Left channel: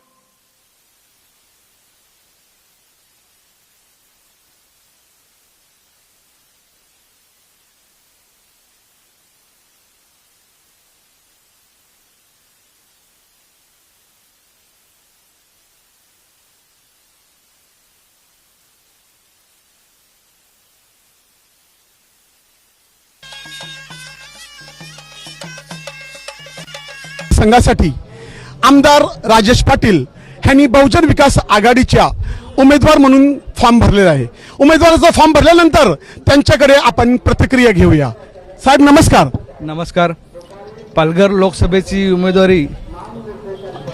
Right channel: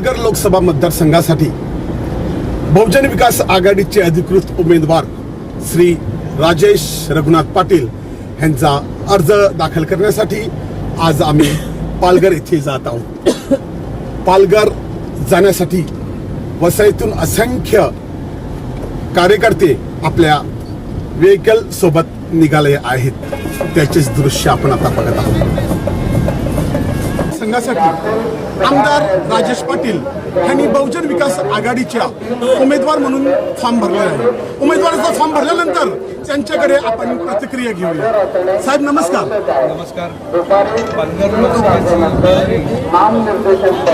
पालघर लोकसभा मतदारसंघासाठी बहुजन विकास आघाडीचे अधिकृत उमेदवार श्री राजेश रघुनाथ पाटील यांचा अर्ज दाखल करण्यासाठी आज आम्ही पालघर येथे जात आहोत. पालघर जाण्यासाठी वसईतून असंख्य कार्यकर्ते आपल्या व्हेकल सोबत निघाले आहेत. त्याचेच दृश्य आपण आता बघत आहोत. संघासाठी आमदार राजेश पाटील यांनी बहुजन विकास आघाडीच्या उमेदवार म्हणून फॉर्म भरलेला आहे. उमेदवाराचा फॉर्म भरल्यानंतर त्यांच्याकडे आपण प्रतिक्रिया घेऊया. साहेब नमस्कार. नमस्कार. पालघर लोकसभेची उमेदवारी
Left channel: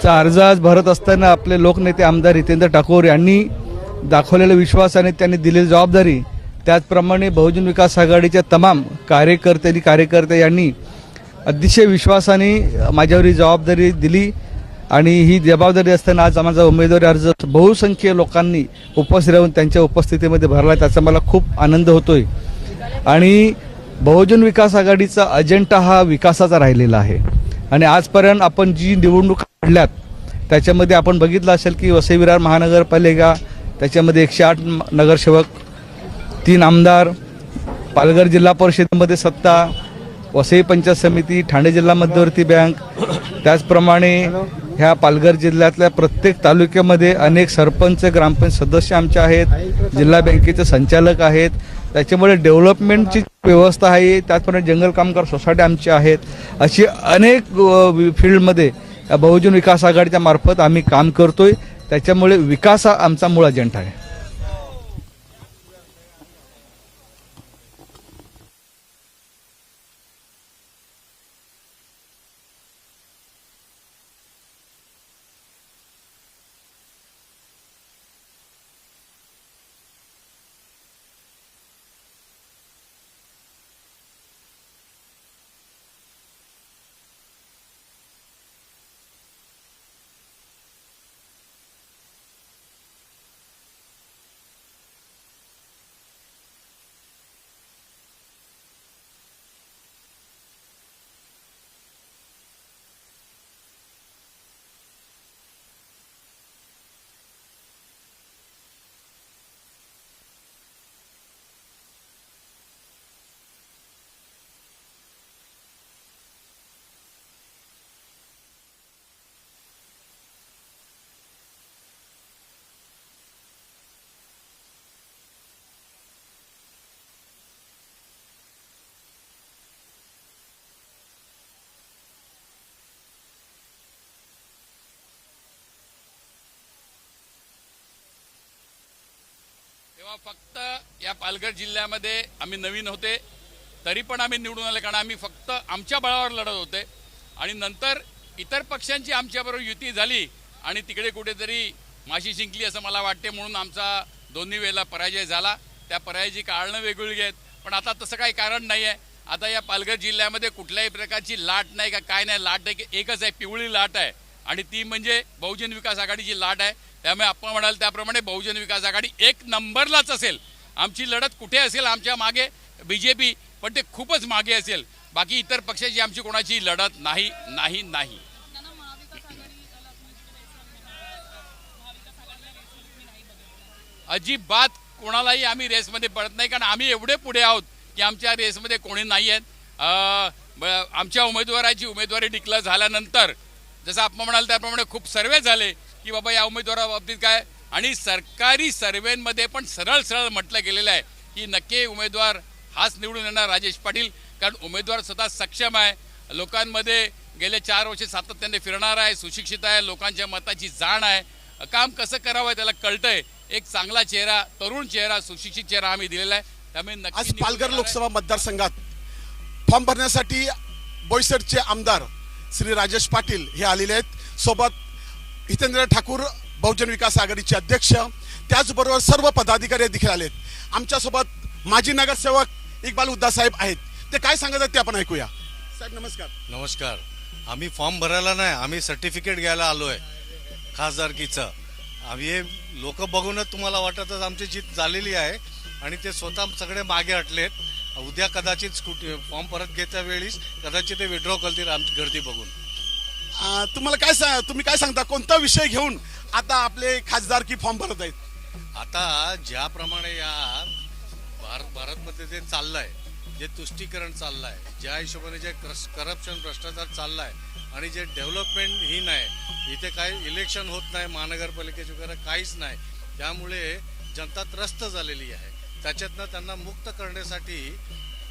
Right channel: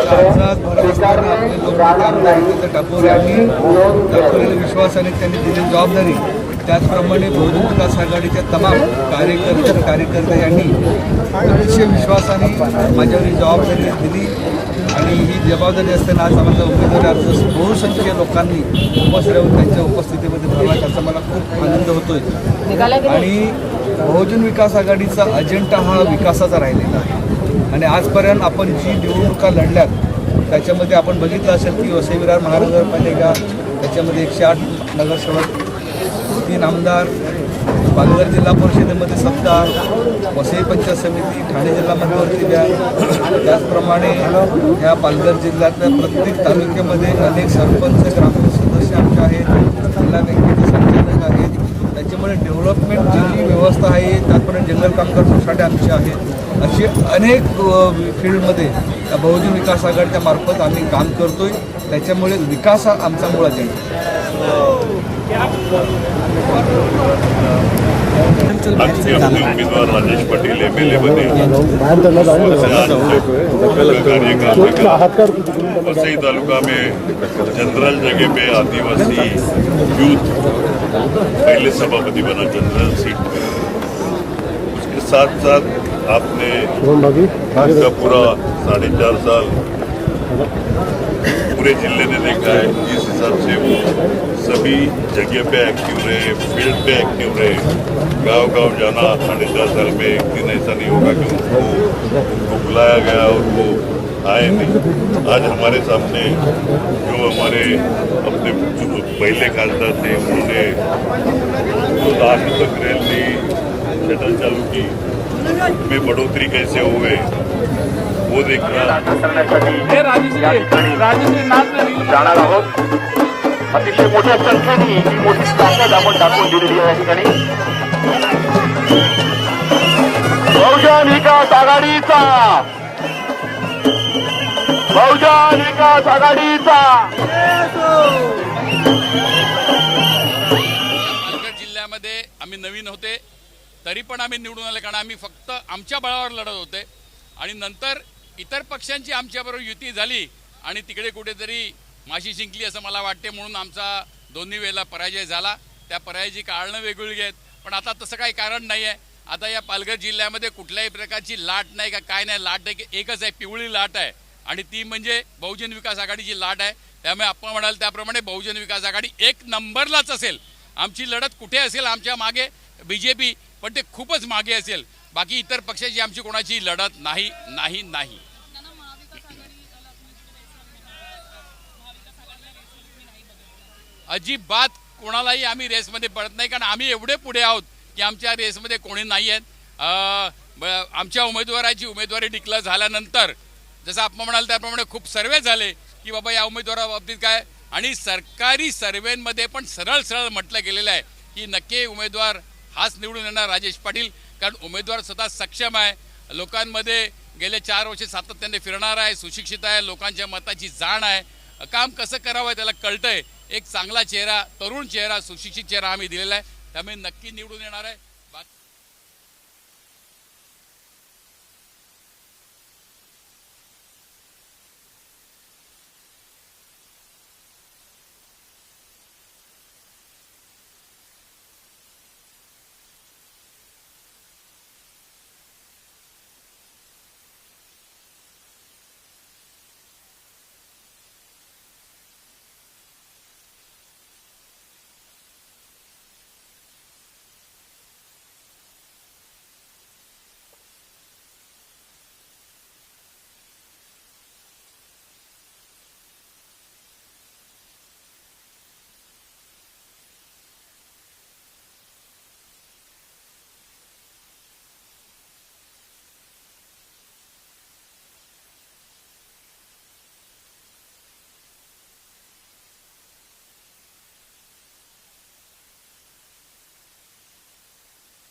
चा अर्ज आज भरत असताना आपले लोकनेते आमदार हितेंद्र ठाकूर यांनी दाखवलेल्या विश्वासाने त्यांनी दिलेली जबाबदारी. त्याचप्रमाणे बहुजन विकास आघाडीच्या तमाम कार्यकर्ते आणि कार्यकर्ते यांनी अतिशय विश्वासाने माझ्यावर ही जबाबदारी दिली. आणि ही जबाबदारी असताना आज माझा उमेदवारी अर्ज बहुसंख्य लोकांनी उपस्थित त्यांच्या उपस्थितीमध्ये भरला त्याचा मला खूप आनंद होतोय. आणि बहुजन विकास आघाडीचा अजेंडा हा विकासाचा राहिलेला आहे. आणि आजपर्यंत आपण जी निवडणुका लढल्यात त्याच्यामध्ये आपण बघितलं असेल की वसई विरार महानगरपालिका त्याच्यामध्ये एकशे आठ नगरसेवक तीन आमदार पालघर जिल्हा परिषदेमध्ये सत्ता वसई पंचायत समिती ठाणे जिल्हा मध्यवर्ती बँक त्याचप्रमाणे ह्या पालघर जिल्ह्यातल्या प्रत्येक तालुक्यामध्ये अनेक सरपंच ग्रामपंचायत सदस्य आमचे आहेत जिल्हा बँकेचे संचालक आहेत. त्याच्यामुळे डेव्हलपमेंटची जी व्यवस्था आहे त्याचप्रमाणे जंगल कामगार सोसायटी आमची आहेत. अशी अनेक फील्डमध्ये या बहुजन विकास आघाडीच्या मार्फत आम्ही काम करतोय. त्याच्यामुळे विकास हा आमचा मूळ अजेंडा आहे. आमचे आपले उमेदवार Rajesh Patil M L A मध्ये वसई तालुका में जनरल जगह पे आदिवासी यूथ पहले सभापति बना जनरल सीट पे। उसके साथ साथ आपने पूरा साढ़े चार साल पूरे जिले ने देखा है जिस हिसाब से वो सभी जगह पे एक्टिव रहे फील्ड पे एक्टिव रहे। गांव गांव जाना साढ़े चार साल में एक दिन ऐसा नहीं होगा कि उनको उनको बुलाया गया और वो आए नहीं। आज हमारे सामने जो हमारे अपने जो पहले खासदार थे उन्होंने जो लाख तक रेल ली शटल चालू की में बढ़ोतरी कैसे हो हुए जाणार आहोत. अतिशय मोठ्या संख्येने ही मोठी ताकद आपण दाखवून दिलेली आहे या ठिकाणी. बहुजन विकास आघाडीचा. बहुजन विकास आघाडीचा. या पालघर जिल्ह्यामध्ये आम्ही नवीन होते तरी पण आम्ही निवडून आले कारण आम्ही फक्त आमच्या बळावर लढत होते. आणि नंतर इतर पक्षांची आमच्याबरोबर युती झाली आणि तिकडे कुठेतरी माशी जिंकली असं मला वाटते म्हणून आमचा दोन्ही वेळेला पराजय झाला. त्या पराजयाची कारणं वेगवेगळी आहेत. पण आता तसं काही कारण नाही आहे आता या पालघर जिल्ह्यामध्ये कुठल्याही प्रकारची लाट नाही का काय नाही. लाट एक एकच आहे पिवळी लाट आहे. आणि ती म्हणजे बहुजन विकास आघाडीची लाट आहे. त्यामुळे आपण म्हणाल त्याप्रमाणे बहुजन विकास आघाडी एक नंबरलाच असेल. आमची लढत कुठे असेल आमच्या मागे? बी जे पी पण ते खूपच मागे असेल. बाकी इतर पक्षाची आमची कोणाची लढत नाही नाही नाही. अजिबात कोणालाही आम्ही रेसमध्ये पडत नाही कारण आम्ही एवढे पुढे आहोत की आमच्या रेसमध्ये कोणी नाही आहेत. आमच्या उमेदवाराची उमेदवारी डिक्लेअर झाल्यानंतर जसं आपण म्हणाल त्याप्रमाणे खूप सर्वे झाले की बाबा या उमेदवाराबाबतीत काय? आणि सरकारी सर्वेमध्ये पण सरळ सरळ म्हटलं गेलेलं आहे की नक्की उमेदवार हाच निवडून येणार राजेश पाटील. कारण उमेदवार स्वतः सक्षम आहे. लोकांमध्ये गेले चार वर्षे सातत्याने फिरणार आहे सुशिक्षित आहे लोकांच्या मताची जाण आहे. काम कसं करावं त्याला कळतंय. एक चांगला चेहरा तरुण चेहरा सुशिक्षित चेहरा आम्ही दिलेला आहे. त्यामुळे नक्की पालघर. लोकसभा मतदारसंघात फॉर्म भरण्यासाठी बोईसरचे आमदार श्री राजेश पाटील हे आलेले आहेत. सोबत हितेंद्र ठाकूर बहुजन विकास आघाडीचे अध्यक्ष त्याचबरोबर सर्व पदाधिकारी देखील आलेत. आमच्यासोबत माजी नगरसेवक इक्बाल उद्दा साहेब आहेत. ते काय सांगत आहेत ते आपण ऐकूया. साहेब नमस्कार. नमस्कार. आम्ही फॉर्म भरायला नाही आम्ही सर्टिफिकेट घ्यायला आलो आहे खासदारकीचं. आम्ही हे लोक बघूनच तुम्हाला वाटतच आमची जीत झालेली आहे आणि ते स्वतः सगळे मागे हटलेत. उद्या कदाचित स्कूटी फॉर्म परत घेत्या वेळीस कदाचित ते विड्रॉ करतील आमची गर्दी बघून. तुम्हाला काय सांग तुम्ही काय सांगता? कोणता विषय घेऊन आता आपले खासदारकी फॉर्म भरत आहेत? आता ज्याप्रमाणे या भारत भारतमध्ये जे चाललंय जे तुष्टीकरण चाललं आहे ज्या हिशोबाने जे करप्शन भ्रष्टाचार चालला आहे आणि जे डेव्हलपमेंट ही नाही इथे काही इलेक्शन होत नाही महानगरपालिकेचे वगैरे काहीच नाही त्यामुळे जनता त्रस्त झालेली आहे. त्याच्यातनं त्यांना मुक्त करण्यासाठी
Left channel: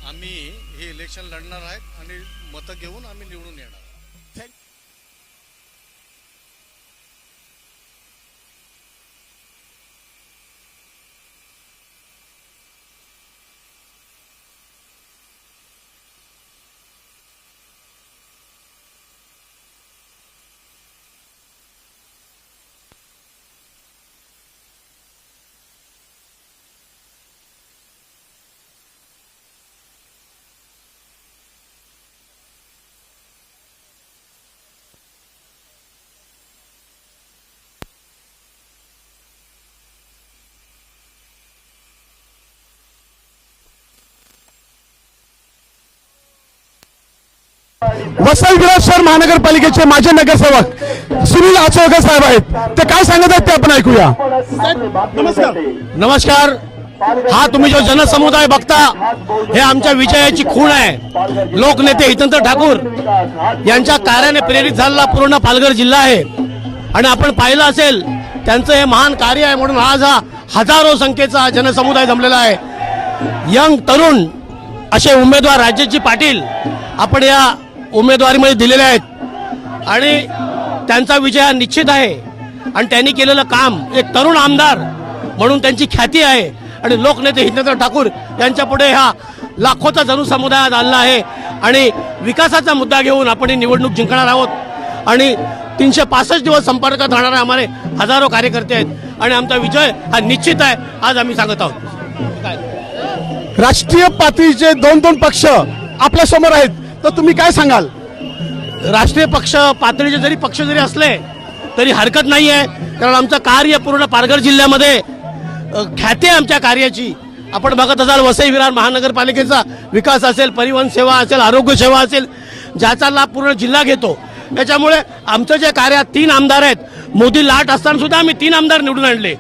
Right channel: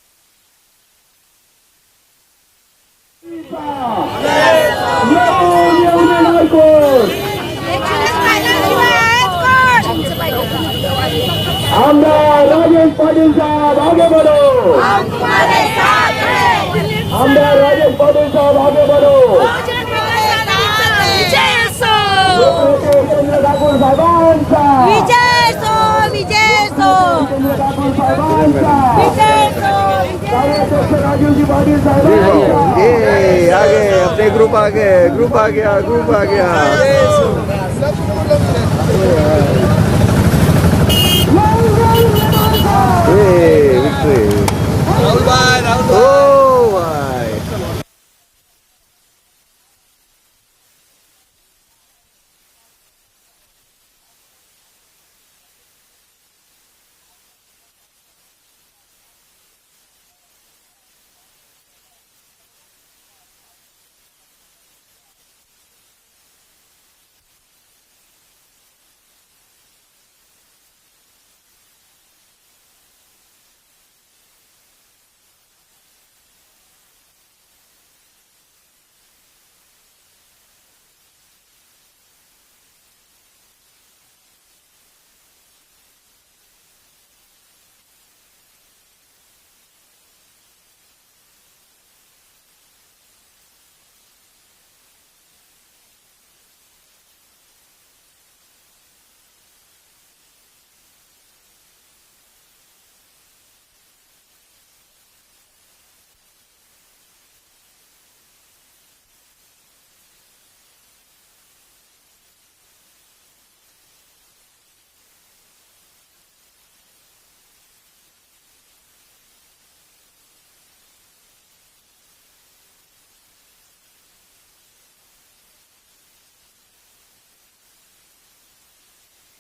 आम्ही हे इलेक्शन लढणार आहेत आणि मतं घेऊन आम्ही निवडून येणार. आमदार राजेश पाटील साहेब आगे बढ़ो आमदार राजेश पाटील साहेब आगे बढ़ो उपेंद्र ठाकूर साहेबांचा विजय सो विजय सो उपेंद्र ठाकूर साहेबांचा विजय सो कार्याध्यक्ष ए आगे अपने ग्रुप आ गए ग्रुप आ गया ग्रुप आ गया वसई विराट शहर महानगरपालिकेचे माजी नगरसेवक सुनील आचोळकर साहेब आहेत. ते काय सांगत आहेत ते आपण ऐकूया. नमस्कार नमस्कार हा तुम्ही जो जनसमुदाय बघता हे आमच्या विजयाची खूण आहे. लोकनेते हितंत्र ठाकूर यांच्या कार्याने प्रेरित झालेला पूर्ण पालघर जिल्हा आहे. आणि आपण पाहिलं असेल त्यांचं हे महान कार्य आहे म्हणून आज हा हजारो संख्येचा जनसमुदाय जमलेला आहे. यंग तरुण असे उमेदवार राजेशजी पाटील आपण या उमेदवारीमध्ये दिलेले आहेत. आणि त्यांचा विजय हा निश्चित आहे. आणि त्यांनी केलेलं काम एक तरुण आमदार म्हणून त्यांची ख्याती आहे. आणि लोकनेते हितेंद्र ठाकूर यांच्या पुढे हा लाखोचा जनसमुदाय आज आणला आहे. आणि विकासाचा मुद्दा घेऊन आपण ही निवडणूक जिंकणार आहोत. आणि तीनशे पासष्ट दिवस संपर्कात राहणारे आम्हाला हजारो कार्यकर्ते आहेत. आणि आमचा विजय हा निश्चित आहे आज आम्ही सांगत आहोत. राष्ट्रीय पातळीचे दोन दोन पक्ष आपल्यासमोर आहेत. तर तुम्ही काय सांगाल? राष्ट्रीय पक्ष पातळीचे जरी पक्ष जरी असले तरी हरकत नाही आहे कारण आमचं कार्य पूर्ण पालघर जिल्ह्यामध्ये ख्याती आहे आमच्या कार्याची. आपण बघत असाल वसई विरार महानगरपालिकेचा विकास असेल परिवहन सेवा असेल आरोग्य सेवा असेल ज्याचा लाभ पूर्ण जिल्हा घेतो. त्याच्यामुळे आमचं जे कार्य तीन आमदार आहेत. मोदी लाट असताना सुद्धा आम्ही तीन आमदार निवडून आणले.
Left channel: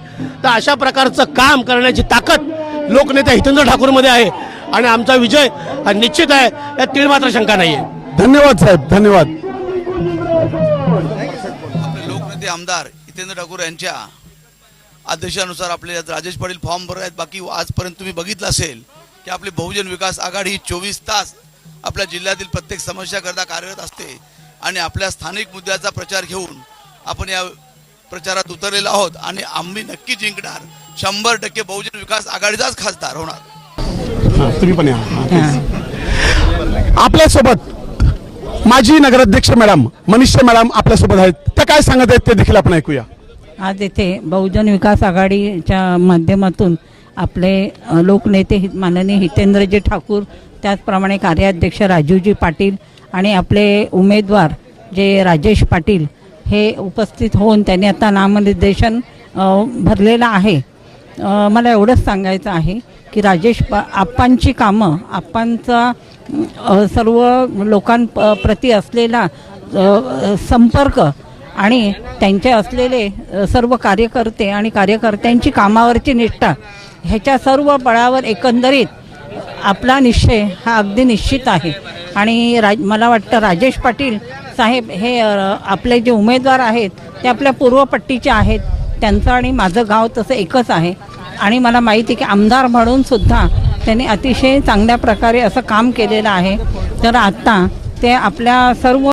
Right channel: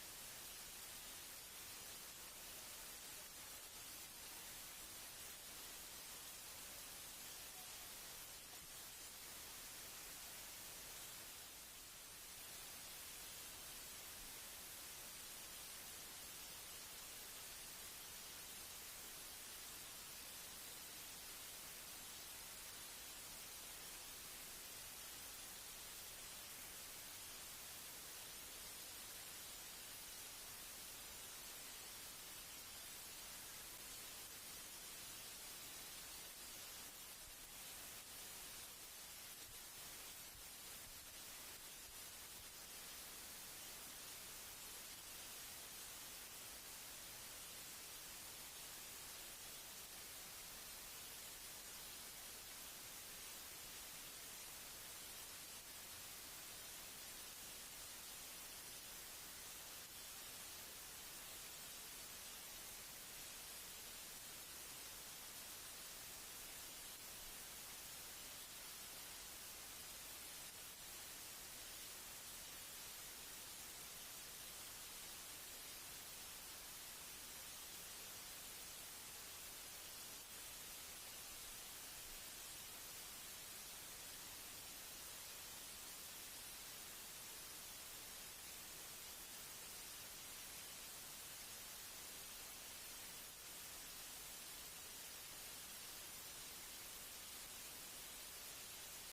तर अशा प्रकारचं काम करण्याची ताकद लोकनेते हितेंद्र ठाकूरमध्ये आहे. आणि आमचा विजय हा निश्चित आहे. यात तीळ मात्र शंका नाही आहे धन्यवाद साहेब. धन्यवाद. लोकनेते आमदार हितेंद्र ठाकूर यांच्या आदेशानुसार आपले राजेश पाटील फॉर्म भरत आहेत. बाकी आजपर्यंत तुम्ही बघितलं असेल की आपली बहुजन विकास आघाडी ही चोवीस तास आपल्या जिल्ह्यातील प्रत्येक समस्याकरता कार्यरत असते. आणि आपल्या स्थानिक मुद्द्याचा प्रचार घेऊन आपण या प्रचारात उतरलेलो आहोत. आणि आम्ही नक्की जिंकणार. शंभर टक्के बहुजन विकास आघाडीचाच खासदार होणार. तुम्ही पण या. आपल्यासोबत माजी नगराध्यक्ष मॅडम मनीषा मॅडम आपल्यासोबत आहेत. त्या काय सांगत आहेत ते देखील आपण ऐकूया. आज येथे बहुजन विकास आघाडीच्या माध्यमातून आपले लोकनेते माननीय हितेंद्रजी ठाकूर त्याचप्रमाणे कार्याध्यक्ष राजूजी पाटील आणि आपले उमेदवार जे राजेश पाटील हे उपस्थित होऊन त्यांनी आता नामनिर्देशन भरलेलं आहे. मला एवढंच सांगायचं आहे की राजेश पा आप्पांची कामं आप्पांचा सर्व लोकांप्रती असलेला संपर्क आणि त्यांचे असलेले सर्व कार्यकर्ते आणि कार्यकर्त्यांची कामावरची निष्ठा ह्याच्या सर्व बळावर एकंदरीत आपला निश्चय हा अगदी निश्चित आहे. आणि राज मला वाटतं राजेश पाटील साहेब हे आपले जे उमेदवार आहेत ते आपल्या पूर्वपट्टीचे आहेत. त्यांचं आणि माझं गाव तसं एकच आहे. आणि मला माहिती आहे की आमदार म्हणून सुद्धा त्यांनी अतिशय चांगल्या प्रकारे असं काम केलेलं आहे. तर आत्ता ते आपल्या सर्व